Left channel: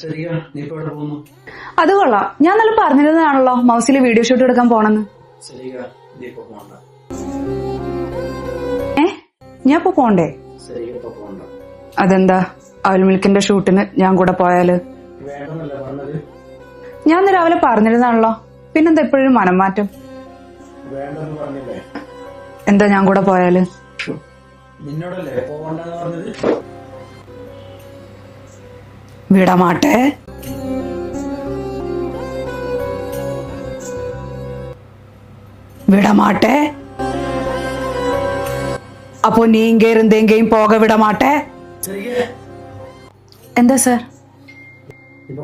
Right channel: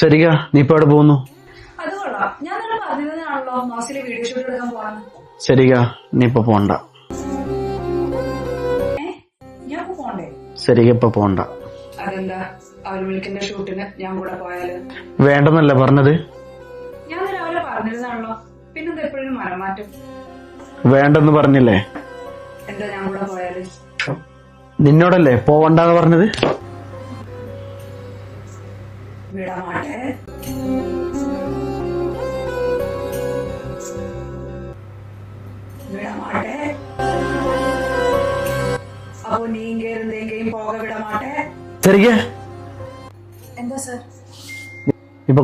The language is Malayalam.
ശരിക്കാ, നീ ഇപ്പൊ എവിടെ പോകുന്നു? അത് കൊള്ളാം. ഞാൻ നല്ല പറഞ്ഞിരുന്നതാണല്ലോ മൗസിലെ വീഡിയോ ഷൂട്ട് എടുക്കാൻ പോണെന്ന്. ശരിക്കാ, നീ ഇപ്പൊ പോണ്ട. ഞാൻ ഇപ്പൊ പോണ്ടേ? ശരിക്കാ, ഇപ്പൊ പോണ്ട. അതെന്താ? അവൽ മിൽക്കിന്റെ ഷൂട്ടിന് ഞാൻ കൂടെ പോയാല്? വേണ്ടെന്നല്ലേ പറഞ്ഞത്? ഞാൻ രാവിലെ പറഞ്ഞിരുന്നാണല്ലോ, പിന്നെന്താ എപ്പോഴും മനം മാറ്റം? വേണ്ടെന്ന് പറഞ്ഞില്ലേ? എന്താ ഞാൻ കൂടെ പോയാല്? നിന്നോടല്ലേ പോവണ്ടെന്ന് പറഞ്ഞത്? വിടമാട്ടെ. விடமாட்டே. அப்போ நீங்க இருந்து எங்கேயும் போக விட மாட்டே. சரிங்க. എന്താ സാർ? ഇപ്പൊ